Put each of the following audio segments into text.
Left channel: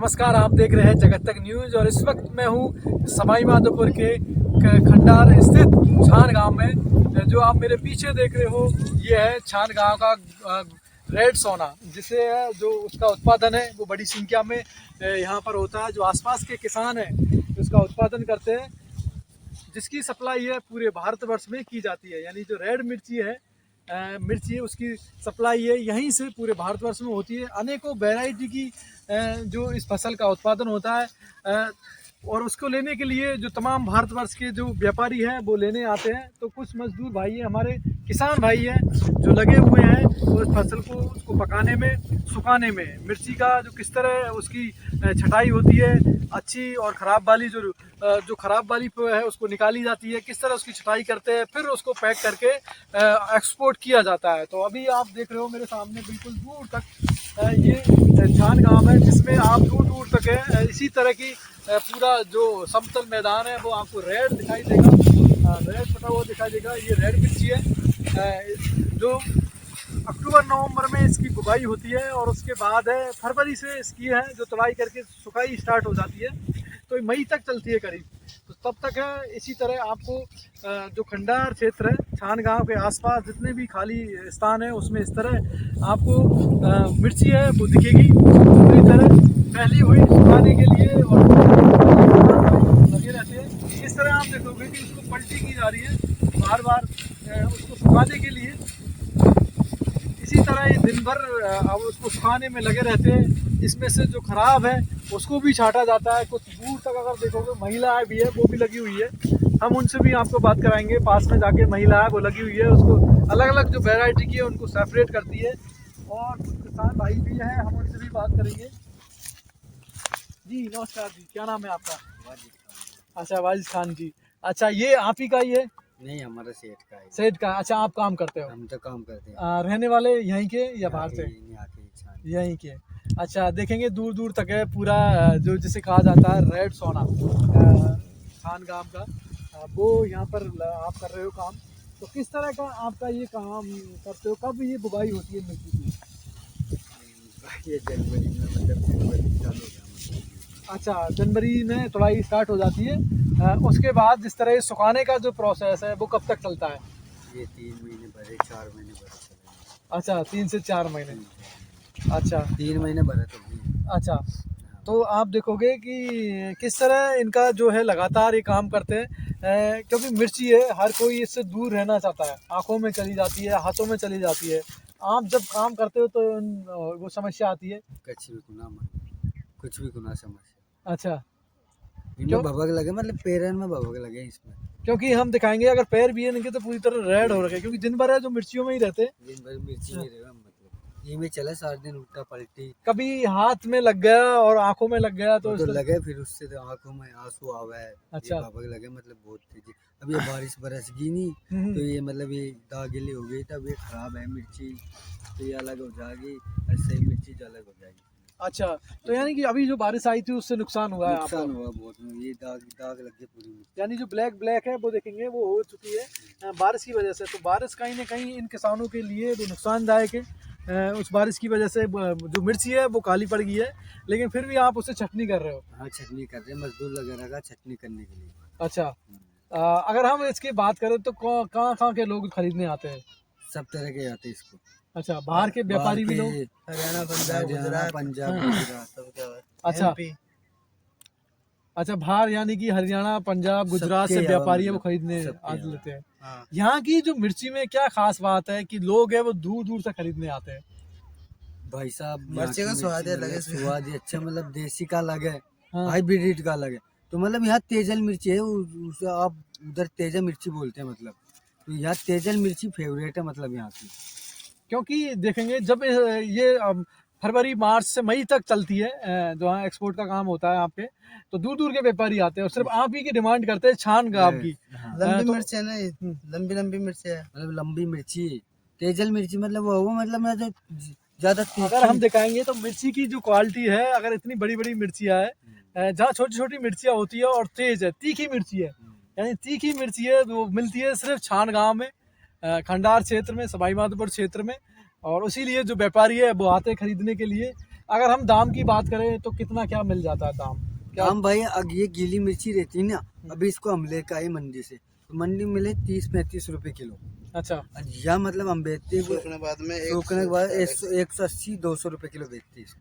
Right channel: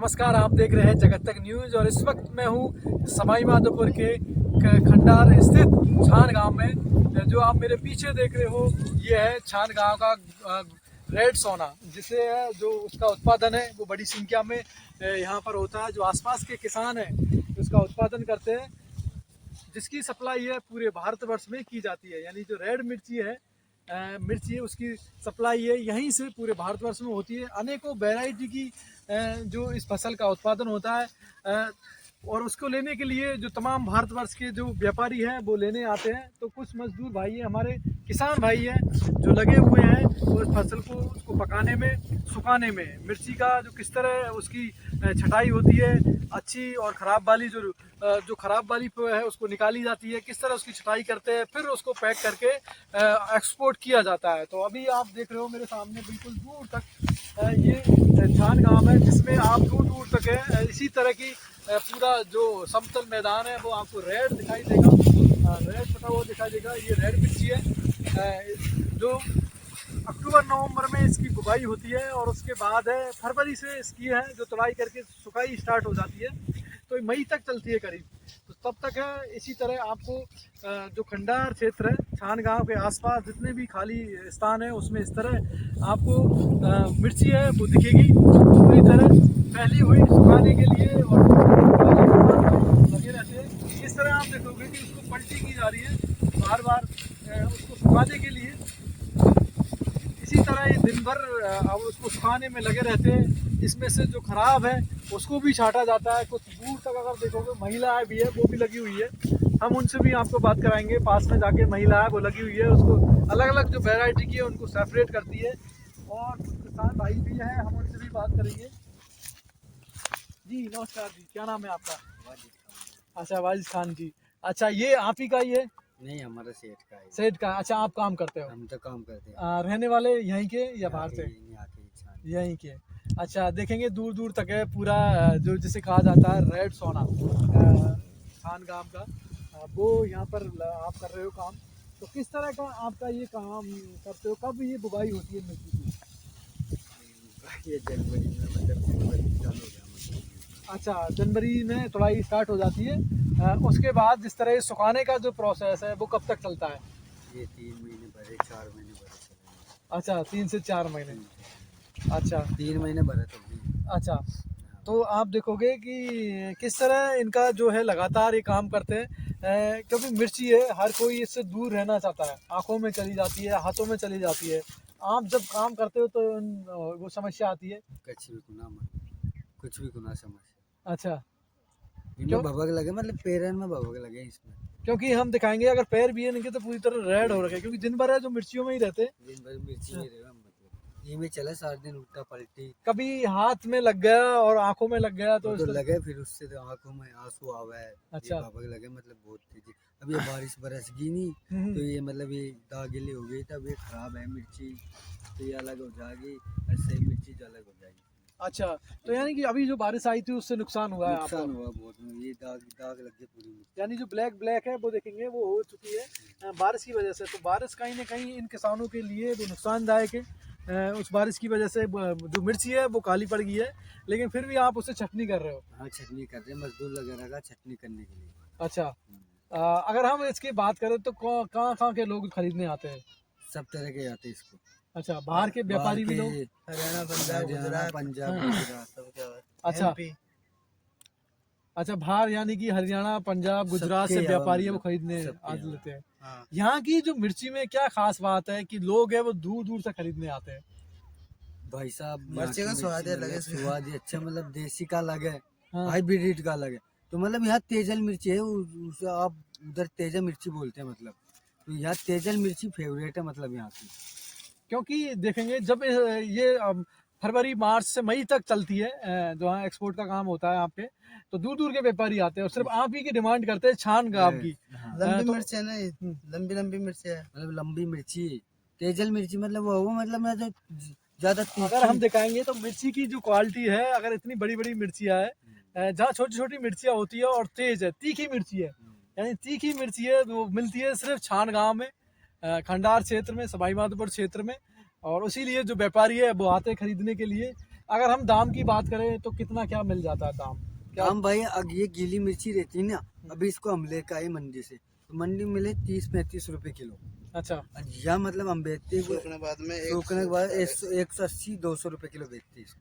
नमस्कार, आप देख रहे हैं जगत तक न्यूज़ और इस वक्त मैं हूँ सवाई माधोपुर के खंडार स्थित छान गांव में। जो आप मेरे पीछे देख रहे हो ये है छान गांव का रेड सोना, जिसे जो उसका उत्पादन है वो बड़ी संख्या में यहाँ पर होता है। जो आसपास के किसान हैं उसका उत्पादन करते हैं, जिसकी सप्लाई है पूरे भारतवर्ष में की जाती है। यानी जो रेड मिर्ची है मिर्ची उसकी सप्लाई है यहीं से पूरे भारतवर्ष में होती है। अनेकों वैरायटी की जो इस फसल का उत्पादन होता है और उसको लेने के लिए जो तमाम भारतवर्ष के जो व्यापारी हैं वो लेने आते हैं। तो कुछ मजदूर भाई हैं, हमारे किसान भाई हैं जो लगे हुए हैं उस फसल को उसको पकाने में, सुखाने में। मिर्ची का जो किस तरह उसकी छटाई होती है, अच्छी और ख़राब वाली जो ख़राब वाली है उसको निकाली जाती है, किस तरह उसकी छटाई करते हैं, फिर उसको पैक करके एक्सपोर्ट किया जाता है। तो अभी आप देख रहे हो मेरे सामने बिल्कुल दूर तक ये छान गाँव है, जिसमें आप दूर दूर तक है इसी तरह की पूरा जो समतल मैदान है वो आपको रेड दिखाई देगा, रेड पता हुआ दिखाई देगा। ये रेड मिर्ची है जो अक्टूबर नवंबर में इसकी बुवाई होती है और उसके बाद है फरवरी से इसकी है जो तुड़ाई करके सुखाई स्टार्ट हो जाती है, तो मई तक चलती है करीब। तो तब तक है इसी तरह आपको जो खंडार क्षेत्र है छान गांव के आसपास जितने भी खाली स्थान है उसमें इस तरह आपको मिर्ची है वो दिखेगी पूरी तरह फैली हुई सुखाने के लिए और लगे रहते हैं। इस तरह आप देखोगे कि उसको पलटी की जा रही है बार बार उसको सुखाने के लिए। इसी तरह ये दिन भर अब उसको सुखाने में लगे रहते हैं। इसमें से जो खराब है उसको भी छांटा जाता है। कुछ दूर तक अगर देखोगे महिलाएं भी है वो भी लगी हुई है, हम उनसे भी आपको बात कराएंगे। पास में जाके महिला है वो लगी हुई है, उसको अलग अलग जो वैरायटी की है उनको सेपरेट करती है। और कुछ किसान भाई भी हैं, हम उनसे भी बात करेंगे। जी नमस्कार जी, क्या नाम है आपका? अच्छा वाजिद खान जी। अच्छा ये आप ही का ही है? नहीं, हमारा सेठ का है। सेठ का? अच्छा आप काम करते हो? हम तो काम करते हैं। रहने वाले यहीं के या बाहर से? यहाँ के इंसान। यहीं के। अच्छा देखेंगे दूर दूर तक है पूरा जो जिसे कहा जाता है रेड सोना छान गांव का, वो यहाँ पर आप कर रहे हो काम। तो किस तरह का आपका ये काम करते हो, कब ये बुवाई होती है मिर्ची की? ये जनवरी में मतलब जनवरी चालू होता है। अच्छा जनवरी में तुड़ाई स्टार्ट हो जाती है। उसके बाद जिस तरह सुखाने का जो प्रोसेस है वो कब तक चलता है? ये 3 महीने भरे, 4 महीने भरे। अच्छा 3 से 4 महीने। अच्छा 3 महीने भरे तो। अच्छा तो आप देखोगे कि किस तरह इनका जो है लगातार ये काम करते हैं क्योंकि मिर्ची है हर कोई इससे दूर रहना चाहता है, आंखों में चली जाती है, हाथों में चली जाती है। आप जब काम करते हो तो वो समस्या आती है? कुछ भी गुना समझ। अच्छा इनमें क्यों? भभक लगे, मतलब पैरन में भभक लगे इसमें। क्योंकि हम दिखाएंगे अगर पैर भी है इनके तो पूरी तरह रेड हो रखे, क्योंकि दिन भर है जो मिर्चियों में ही रहते हैं। दिन भर मिर्ची में रहेगा, मतलब ये में चले 7 दिन उल्टा पलटी। कभी हाथ में लग गया और आंखों में लग गया तो तो लगे, फिर उससे तो आंखों में आंसू आवे। अच्छा। ये भभक लगे, मतलब बहुत तेजी। अब ये बारिश बरसगी नहीं तो ये मतलब ये दागिली हो गई, तब ये खराब है मिर्ची, तो ये अलग हो जाएगी। ऐसे ही मिर्ची जो अलग हो जाएगी। अच्छा तो यानी कि अभी जो बारिश आई थी उससे नुकसान हुआ है आपको? नुकसान हुआ बहुत, ये दाग दाग लग गए पूरी मिर्ची। यानी जो ब्लैक ब्लैक है वो देखेंगे वो हो चुकी है बारिश की वजह से। तो बारिश कहीं ना कहीं इन किसानों के लिए वो नुकसानदायक है। उस बारिश की वजह से जो मिर्ची है वो काली पड़ गई है, लेकिन फिर भी आप उसे छटनी कर रहे हो? हाँ, छटनी कर रहे हैं, मजदूर वगैरह का छटनी करने के लिए। अच्छा अगर हम इसकी बात करें तो कहाँ कहाँ के लोग खरीदने आते हैं? सब तरह के आते हैं इसको। अच्छा बाहर के व्यापारी भी लोग? हरियाणा, पंजाब, हाँ। गुजरात। अच्छा अच्छा बाहर यानी कि हरियाणा, पंजाब, गुजरात से सबके यहाँ व्यापारी है वो मतलब खरीदने सबके आज यहाँ। लेते हैं। हाँ। यहाँ की जो मिर्ची में क्या खास बात है कि लोग है वो दूर दूर से खरीदने आते हैं? भाई साहब, मिर्ची का स्वाद ही अलग है। स्वाद ही अच्छा, मतलब देसी का अलग है, हाँ। हाइब्रिड का अलग है। तो मतलब यहाँ तेजल मिर्ची है, उसे आप उधर तेजा मिर्ची बोलते हैं, मतलब तो यहाँ तेजल मिर्ची फेवरेट है, मतलब यहाँ की। क्योंकि देखेंगे जब ये फरवरी मार्च से मई तक चलती है जो यहाँ एक्सपोर्ट का काम होता है यहाँ पे, तो दूर दूर के व्यापारी आते हैं और सिर्फ आप ही की डिमांड करते हैं छान गाँव की। हाँ। लंबी तो मिर्च है ना, लंबी लंबी मिर्च है, मतलब लंबी मिर्ची, तेजल मिर्ची, मतलब वो मतलब मैं तो ज्यादा अगर हम दिखाएंगे तो मिर्ची की जो क्वालिटी है, अगर इतनी बड़ी बड़ी मिर्चियाँ है जहाँ छोटी छोटी मिर्चियाँ होती है और तेज है, तीखी मिर्ची है, यानी तीखी मिर्ची है वो मिलती है सिर्फ छान गाँव में, खंडार क्षेत्र में, सवाई माधोपुर क्षेत्र में। और इसीलिए जो व्यापारी है वो आते हैं खरीदने के लिए। अगर हम दाम की बात करें तो कितना क्या मिल जाता है दाम? हम भाई अब ये गीली मिर्ची रहती है ना, अभी इसको हम लेकर आए मंडी से, तो मंडी में मिले 30-35 रुपए किलो। अच्छा या मतलब हम बेचते हैं सूखने के बाद में सूखने के बाद 180-200 रुपए किलो बेचते हैं इसको।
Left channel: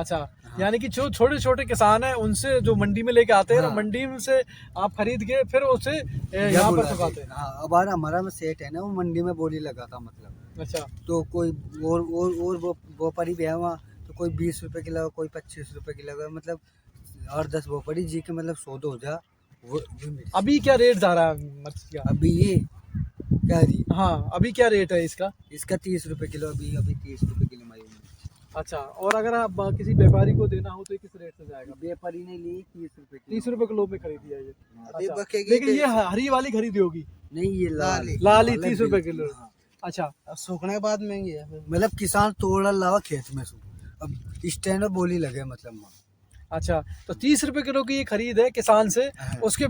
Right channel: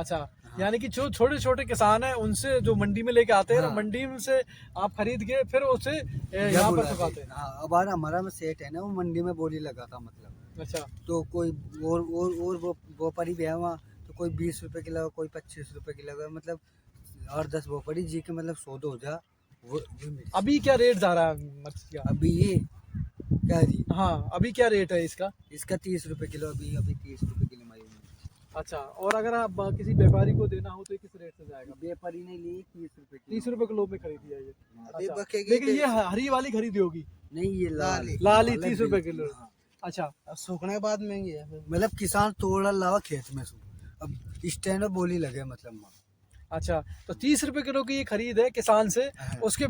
अच्छा, हाँ। यानी कि जो छोटे छोटे किसान हैं उनसे जो मंडी में लेके आते हैं ना, हाँ। मंडी से आप खरीद के फिर उसे यहाँ यहाँ पर बुलाते सुखाते हैं। हैं। हाँ, अब हमारा में सेट है ना, वो मंडी में बोली लगाता मतलब, अच्छा तो कोई और वो व्यापारी भी है वहाँ, तो कोई 20 रुपए किलो, कोई 25 रुपए किलो, मतलब 8-10 व्यापारी जी के मतलब 100 हो जा वो मिर्ची। अभी क्या रेट जा रहा है मिर्ची का? अभी ये क्या जी, हाँ अभी क्या रेट है इसका? इसका 30 रुपए किलो, अभी 30 रुपए किलो मालूम है। अच्छा, और अगर आप किसी व्यापारी को देना हो तो ये किस रेट से जाएगा? व्यापारी ने ली 30 रुपए किलो। 30 रुपए किलो में खरीदी है ये। अभी अच्छा, बकेगी लेकिन ये हरी वाली खरीदी होगी। नहीं, ये लाल लाल ही 30 रुपए किलो। हाँ। अच्छा अब सूखने के बाद महंगी है फिर। मतलब किसान तोड़ा लावा खेत में से, अब स्टैंड में बोली लगे मतलब वहाँ। अच्छा, तो 30 रुपए किलो की ये खरीद है किसान से। हाँ। उसके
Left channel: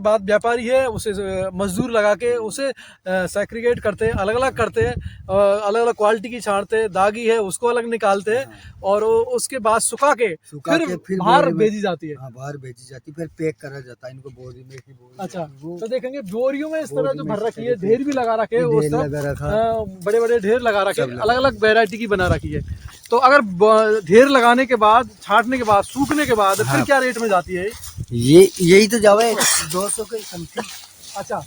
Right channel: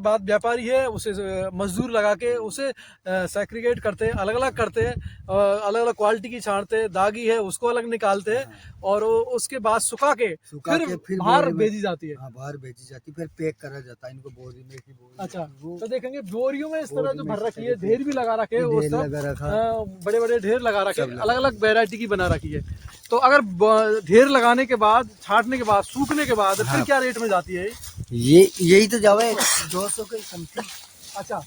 बाद व्यापारी है उसे मजदूर लगा के उसे सेग्रीगेट करते हैं, अलग अलग करते हैं, अलग अलग क्वालिटी की छांटते हैं, दागी है उसको अलग निकालते हैं, और उसके बाद सुखा के फिर बाहर बोरी में- भेजी जाती है। हाँ, बाहर भेजी जाती, फिर पैक करा जाता है इनको बोरी में की बोरी। अच्छा, वो तो देखेंगे बोरियों में इस तरह बोरी जो में भर रखी है, तरीके ढेर भी लगा रखे है, ढेर उस तरफ लगा रखा। बड़े बड़े ढेर लगा रखे, सब लगा। अलग अलग वैरायटी की बना रखी है। तो अगर ढेर लगाने के बाद, छांटने के बाद, सूखने के बाद फिर हाँ। क्या रेट में जाती है? ये यही तो जावे 200 के समथिंग। अच्छा,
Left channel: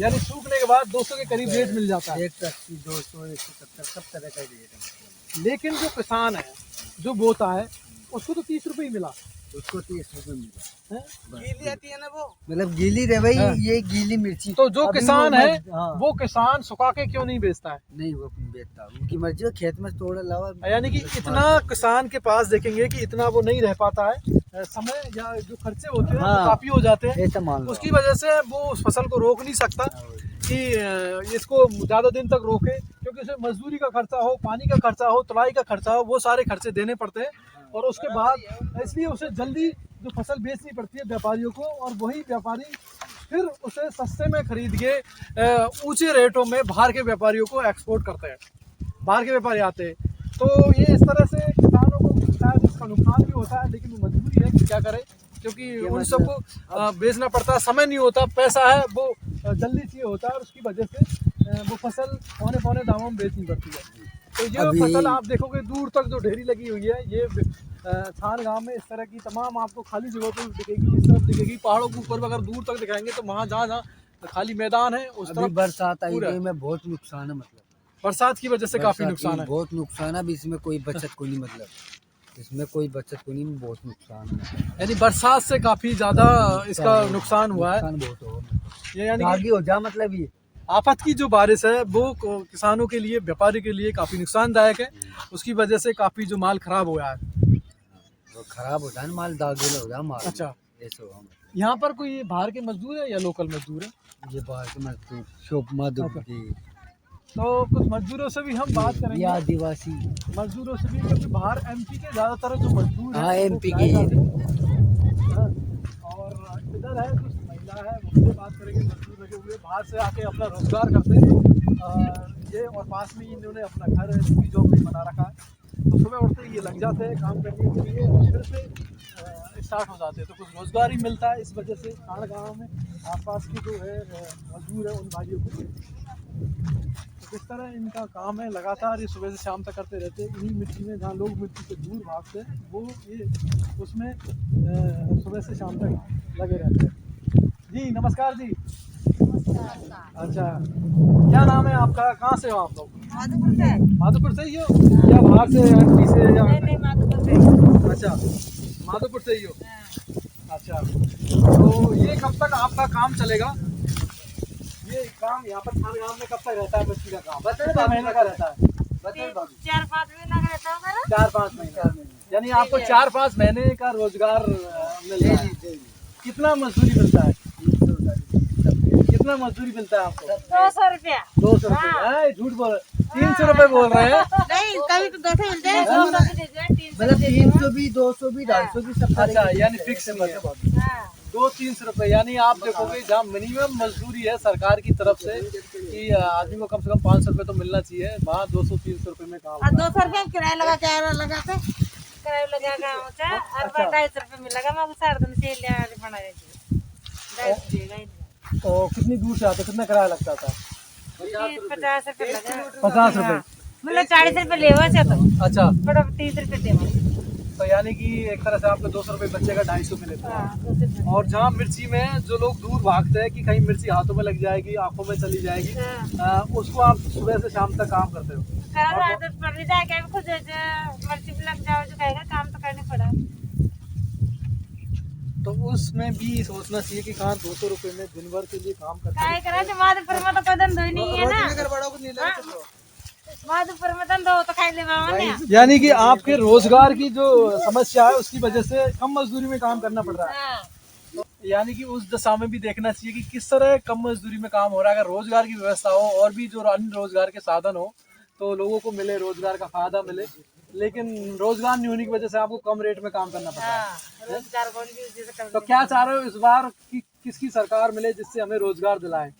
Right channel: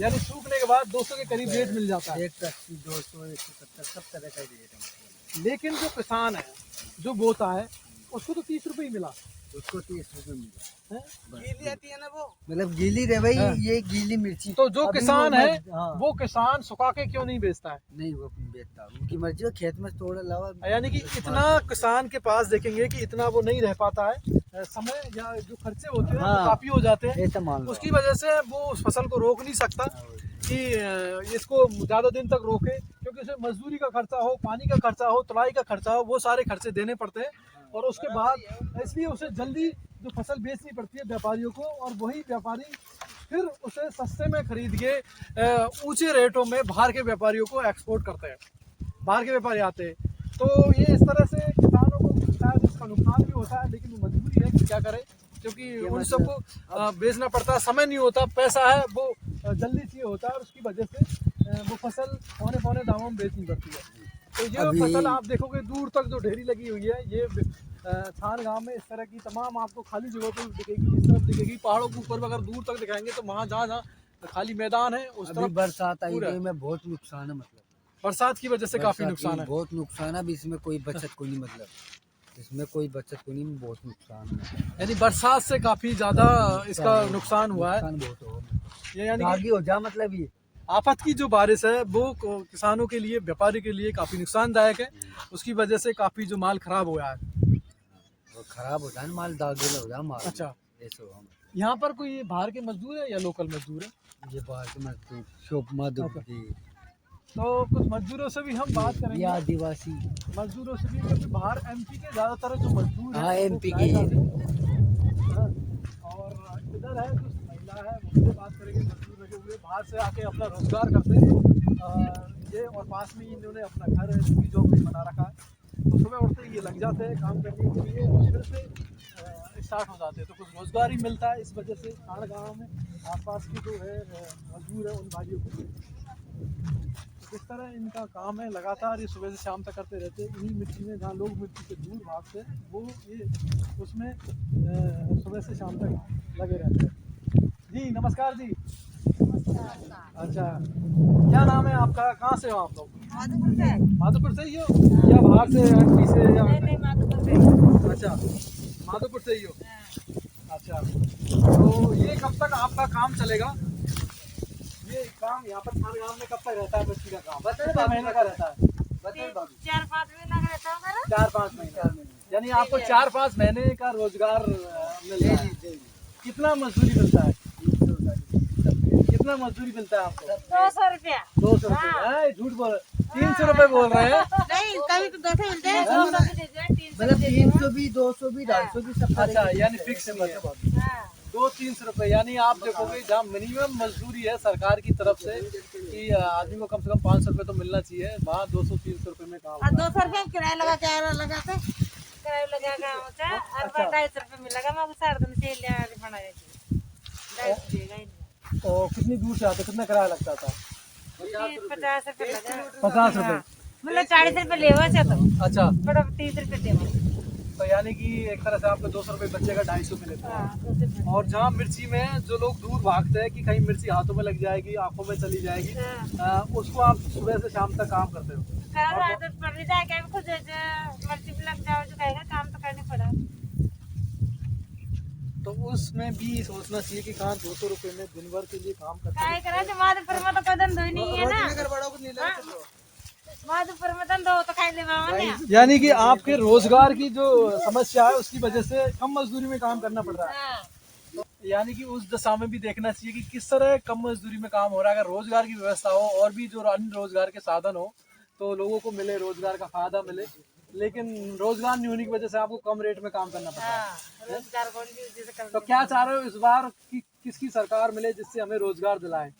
यानी सूखने के बाद 200 के करीब रेट मिल जाता है। 180, 200, 170 सब तरह का रेट है। लेकिन जो किसान है जो बोता है उसको तो 30 रुपए ही मिला उसको 30 रुपए मिला है? गीली आती है ना वो। मतलब गीली रे भाई, हाँ। ये गीली मिर्ची। तो जो अभी किसान वो है हाँ। वो किसान सुखा के क्यों नहीं बेचता है? नहीं, वो बेचता, उनकी मर्जी है, खेत में तोड़ लावा। यानी कि इतना किसान के पास देखेंगे कि इतना वो नहीं रह पाता है, समय या जो खर्चे होते हैं वो हाँ। काफी हो जाते हैं, ऐसा मान लो। उसकी वजह से वो उस फसल को रोक नहीं सकता कि इसको ज़्यादा दिन तक रोके, क्योंकि उसमें मजदूरी का खर्चा हो, पानी का खर्चा हो, तुलाई का खर्चा हो, वो सारे खर्चे देने पड़ते हैं, और उसके बाद इसलिए उसे जल्दी जो फसल बेचनी पड़ती है व्यापारियों को, और वही व्यापारी फिर उसे सस्ते में खरीद के ऊंचे रेटों में बाहर के व्यापारियों को एक्सपोर्ट करते हैं, बाहर के व्यापारी आते हैं। तो ये इस तरह से किसानों को शायद इसका नुकसान भी होता है, लेकिन वो मजबूरी है कि क्या करें, क्योंकि उन सबको बेचना पड़ता है, समय नहीं होता, पैसा है वो जल्दी चाहिए होता है, और उसकी वजह से वो फसल पौने दामों में बेचनी पड़ती है। तो ये अभी- फसल आप देखोगे दूर तक जो ढेरी लगी हुई है, ये छान गांव में इस तरह की तमाम आपको खाली जगह पर दिखेगी, इस तरफ दिखेगी, पहाड़ों के ऊपर अगर दूर तक दिखाएंगे तो वहाँ जहाँ खाली मैदान है उस अभी तरफ बरसात आई पूरा। गई में बहुत नुकसान है, मतलब बरसात की वजह से काफी बरसात नुकसान की है। बहुत नुकसान है। अभी इसमें कोई बचत को नहीं, मतलब इसमें कोई बचत को नहीं, बहुत नुकसान है। यानी बरसात से काफी ज्यादा इसका नुकसान हुआ है। नुकसान बहुत हो, ये यानी कि आगे हो जा, मतलब ये आफत की जो बारिश है वो किसानों के लिए, व्यापारी के लिए काफी नुकसानदायक है, उसकी वजह से काफी जो माल खराब हो गया है। वो खराब होता है ना, माल दागेल हो जा माल। अच्छा, ऐसा हो, यहाँ पर कोई बाहर के मजदूर है या लोकल मजदूर है? ये बाहर के मजदूर शोप मधुर अच्छा। जी, तो कुछ मजदूरों से भी हम बात ये करेंगे, आदिवासी। मजदूरों से भी, क्योंकि बाहर एमपी के ज्यादातर जो मजदूर हैं हाँ, वो MP किराए के जाते हैं। हाँ, और इधर है कुछ महिला है, उनसे बात करेंगे, मजदूर लगे हुए बाहर से आके अपना रोजगार करते हैं, ये और पास में ही इन्होंने अपना घर की झोपड़ी बना रखा है, तो सुबह उठते ही ये लग जाते हैं काम करने के लिए, और फिर से स्टार्ट हो जाते हैं, तो कुछ रोजगार ही मिलता है इस वजह से खाड़ गाँव में आसपास की जो है मजदूर है उन भाइयों को। तो इस तरह इनका काम है, लगातार ये सुबह से शाम तक करते रहते हैं। इन्हीं मिट्टी में जहाँ लोग मिट्टी से दूर भागते हैं वो ये उसमें सुबह से शाम तक लगे रहते हैं। जी नमस्कार जी। अच्छा, क्या नाम है आपका, कहाँ से हो आप लोग? माधोपुर से। माधोपुर से ही हो या बाहर से, एमपी से या? नहीं माधोपुर से। अच्छा, माधोपुर से ही हो। अच्छा, तो ये कब तक आपका काम चलेगा? ये काम यहाँ पर खान गाँव में कब तक रहता है मिट्टी का काम? कितना महीने का रहता है? 4-5 महीना का रहता होगा ना? 4-5 महीने, यानी आपको 4-5 महीने का रोजगार मिल रहा है। कितना मजदूरी मिलता है? कितना मजदूरी मिलता है आपको? 200 रुपया। 200 रुपये? झूठ बोल, 300 रुपये बोल रहे हैं। नहीं, कभी तो 200 मिलते हैं, 200 के दीजिए, 300 मतलब 300 भी, 200 भी, 250 भी सब। अच्छा, यानी फिक्स नहीं है। हाँ। 200-300 रुपए, यानी आप देखोगे जहाँ मिनिमम मजदूरी है सरकार की तरफ से कि आदमी को कम से कम 500 रुपए तो मिलना चाहिए, वहाँ 200-300 रुपए में काम और होता है। 200 रुपये किराया लगा के किराया लगा के होता है और 250 रुपये मिलेगा। मैं सारा दिन से लिया बना देती 250 तो कितनी दूर से आते, कितना किराया लगता था? 50 रुपये लगा। 50 रुपए। मतलब 40 रुपये लेवा से तो अच्छा, बड़ा 30 रुपये देवा। तो यानी कि एक तरह से आपको 200 रुपए बच्चे का 250 में लेते हैं। हाँ 200 रुपये। और जहाँ मिर्ची में जो लोग दूर भागते हैं कि कहीं मिर्ची हाथों में लग जाएगी, आंखों में चली जाएगी, हाँ। उसको आप सुबह से शाम तक काम करते हो। काम आदत पड़ रही है, क्या खुद मर्जी पे लग जाओ जो कहेगा काम तो करने पड़ा। तो उसमें भी सोचना चाहिए कि कहाँ 200 रुपए में दिन भर के लिए काम करते काय करा जो माधुपुर में तो कोई धंधो ही नहीं है ना। नगर बड़ों को नहीं लगा चलो। माधुपुर में धंधो हो तो खाई ले बाबा ने। हैं। यानी कि आपके रोजगार की जो समस्या है उसकी वजह से कम मजदूरी में काम करना पड़ रहा है। हाँ। तो यानी कि उस दशा में भी देखना चाहिए कि किस तरह कम मजदूरी में काम हो रहा है। अगर रोजगार की व्यवस्था हो और भी जो अन्य रोजगार के साधन हो तो लोगों को मिले, रोजगार का फायदा मिले, लेकिन रोजगार नहीं होने की वजह से आपको कम रेट में काम करना पड़ रहा है। हाँ, रोजगार कौन भी उसी से कर तो क्या चाह रहे हो इस बार कि किसकी सरकार मिले जिससे हमें रोजगार दिलाए?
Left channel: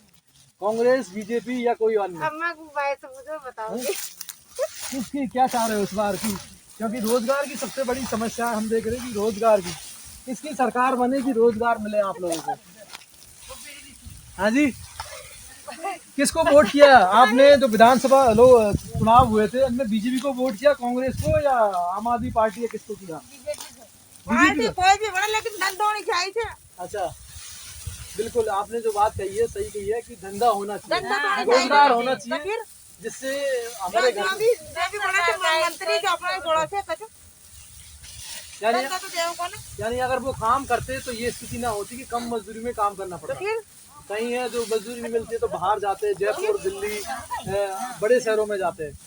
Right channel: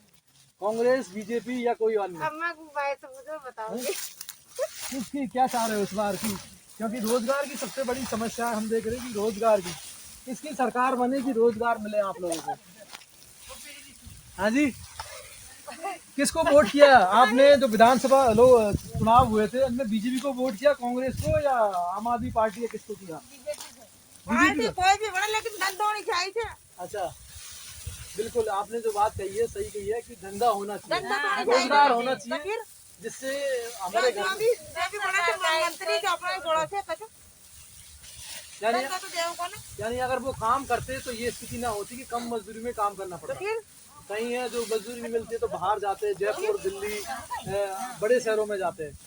कांग्रेस, बीजेपी या कोई अन्य? अम्मा को बाय से मुझे बताओ। किसकी क्या चाह रहे हो इस बार की? क्योंकि रोजगार की सबसे बड़ी समस्या हम देख रहे हैं कि रोजगार की किसकी सरकार बने कि रोजगार मिले आप लोगों को। हाँ जी, किसको वोट किया आपने? जो विधानसभा लोग चुनाव हुए थे उनमें बीजेपी को वोट किया, कांग्रेस को या आम आदमी पार्टी या किसको किया? बीजेपी को। कोई भी बड़ा लेकिन धंधो नहीं चाहिए। अच्छा, बिल्कुल आपने जो बात कही है सही कही है कि धंधा होना चाहिए, धंधा तो होना रोजगार होना तो चाहिए, फिर जिससे हमारे घर जो भी बड़ा तो मंत्री जो अपने जोड़ा से कचो यानी धंधा तो देव को ना। यानी अगर वो काम करते तो ये स्थिति ना होती कि कम मजदूरी में काम करना तो पड़ता। फिर कहीं है जो मजदूरी नहीं मिलती है तो बाहर जाते हैं, जयपुर, दिल्ली, बड़े शहरों में जाते हैं।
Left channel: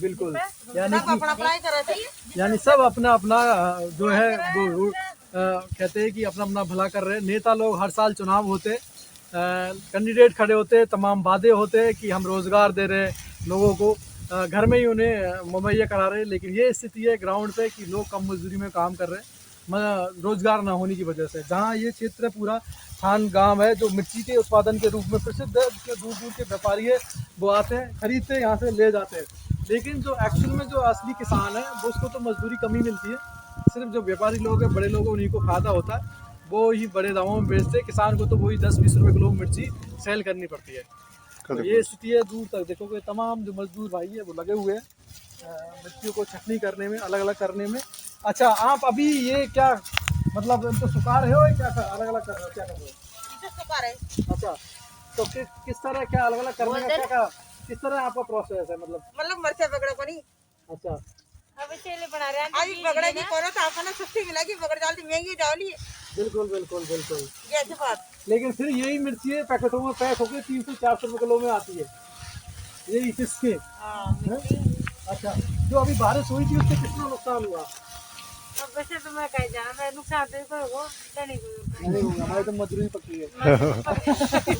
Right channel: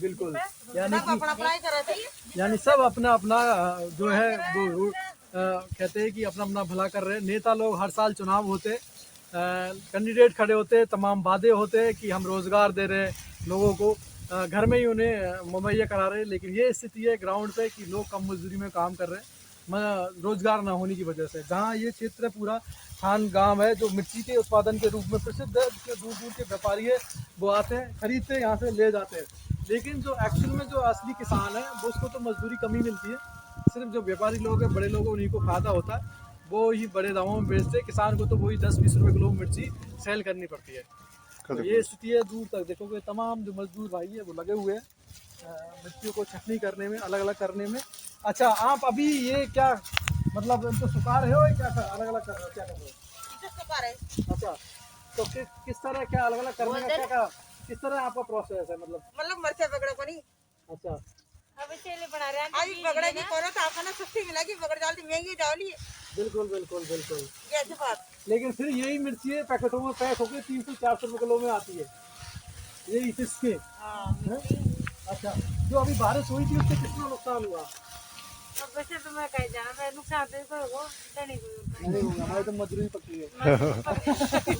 बिल्कुल, यानी सब अपना पढ़ाई करा थे। यानी सब अपना अपना जो है वो कहते हैं कि अपना अपना भला कर रहे हैं। नेता लोग हर साल चुनाव होते, कैंडिडेट खड़े होते, तमाम वादे होते हैं कि हम रोजगार दे रहे हैं लोगों को, घर में ही उन्हें मुहैया करा रहे हैं, लेकिन ये स्थिति है ग्राउंड पे कि लोग कम मजदूरी में काम कर रहे हैं रोजगार ना होने की वजह से। जहाँ ये क्षेत्र पूरा खान गांव है जो मिर्ची के उत्पादन के रूप में प्रसिद्ध है, उसके दूर दूर के व्यापारी है वो आते हैं, खरीदते हैं, यहाँ से ले जाते हैं, लेकिन जो एक्चुअल में जो असली किसान है वो उसको तो मजदूरी कम ही मिलती है। सिर्फ जो व्यापारी लोग हैं, बड़े लोग हैं, उन्हीं को फायदा होता है, वो ही बड़े दामों में बेचते हैं। किसान को तो वही 10-20 रुपये किलो मिर्ची सेल करनी पड़ती है। तो ये स्थिति है, दूर तक देखोगे तमाम जो मजदूर भाई है वो लगे हुए हैं मिर्चियों को छटनी करने में, अलग अलग करने में। अच्छा, आप अभी ये क्या मतलब इनको सुखा रहे हो या क्या अलग अलग कर रहे हो, क्या कर रहे हो? अच्छा, तो किस तरह क्या अलग अलग करने का क्या किस तरह आपका प्रोसेस है? मतलब मरचा पकड़ा पड़ी। अच्छा, अभी चेले बना रहे हैं। अभी पकड़ा की करो तो आपको ना सस्ती मिलेगी, पकड़ डालती महंगी डाली। बिल्कुल बिल्कुल बिल्कुल। ये अच्छी बात। लेकिन फिर यही मिर्ची है पैकेटों में पैक होकर 300-400 रुपये किलो में आती है, यही किसके? अच्छा, जो अभी बारिश हुई थी उससे कितना नुकसान हुआ? तो वैसे तो मैं कहीं जाना, मैं नुकसान तो कोई हो नहीं होगा, हमारे तो मजदूरी पकी है।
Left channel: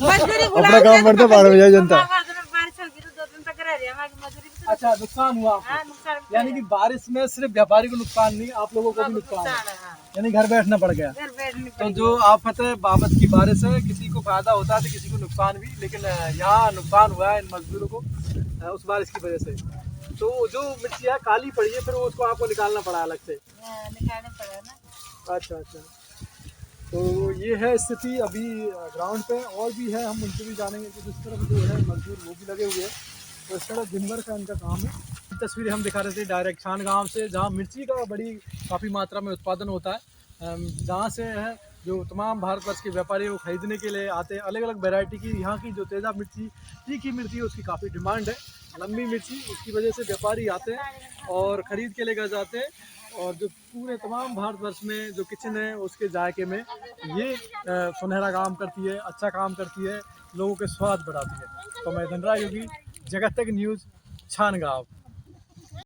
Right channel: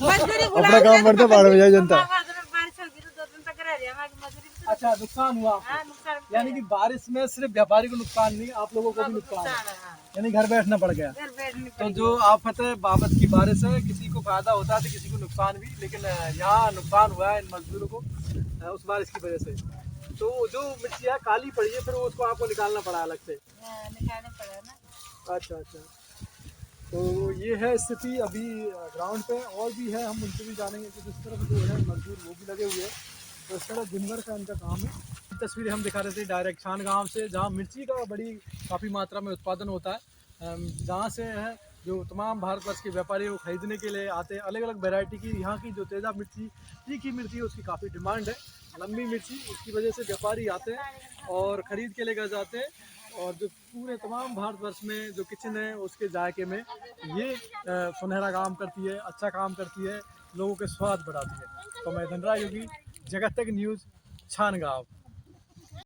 मजदूरी अपना काम करते बाहर में जाए जनता। बारिश होगी तो 2 दिन तक रह रही है हमारी मजदूरी भी तो। अच्छा, नुकसान हुआ आपको? हाँ नुकसान भी यानी कि बारिश में सिर्फ व्यापारी को नुकसान नहीं, आप लोगों को भी नुकसान है, नुकसान है। हाँ, यानी घर बैठना पड़ गया। घर बैठने तो जो आफत है बाबत की बारिश है, किसी को फायदा होता है तो किसी को नुकसान भी, लेकिन यहाँ नुकसान हुआ है इन मजदूरों को उस बारिश की वजह से। तो जो मिट्टी है काली पड़ी है, फिर वो उसको आपको निकालना पड़ा अलग से। निकालने पड़ा ना। अच्छा अच्छा, तो ये है स्थिति अभी ग्राउंड पे। और भी है, हम उनसे भी जानेंगे कि जिस तरफ जो है मजदूर वो भी लगे हुए हैं, तो इस तरह दिन भर का उनका काम है। तस्वीरें हम दिखा रहे थे डायरेक्ट खान गाँव से, जहाँ मिर्ची का बड़ी काफ़ी मात्रा में उत्पादन होता है, जहाँ से है जो तमाम भारतवर्ष के व्यापारी वो खरीदने के लिए आते हैं। अलग अलग वैरायटी की यहाँ की जो तेज़ा मिर्ची, तीखी मिर्ची है, उसकी काफ़ी डिमांड है, लंबी मिर्ची, उसकी वजह से व्यापारी आते हैं और ख़रीद के लेकर जाते हैं। और जो पूरे तमाम भारतवर्ष में जो किचन है उसके जायके में ये सुनहरा काम करती है, अच्छा काम करती है, लोगों के स्वाद बढ़ाती है। तो मैं धनराज योगी, जगत तक न्यूज़, छान गाँव।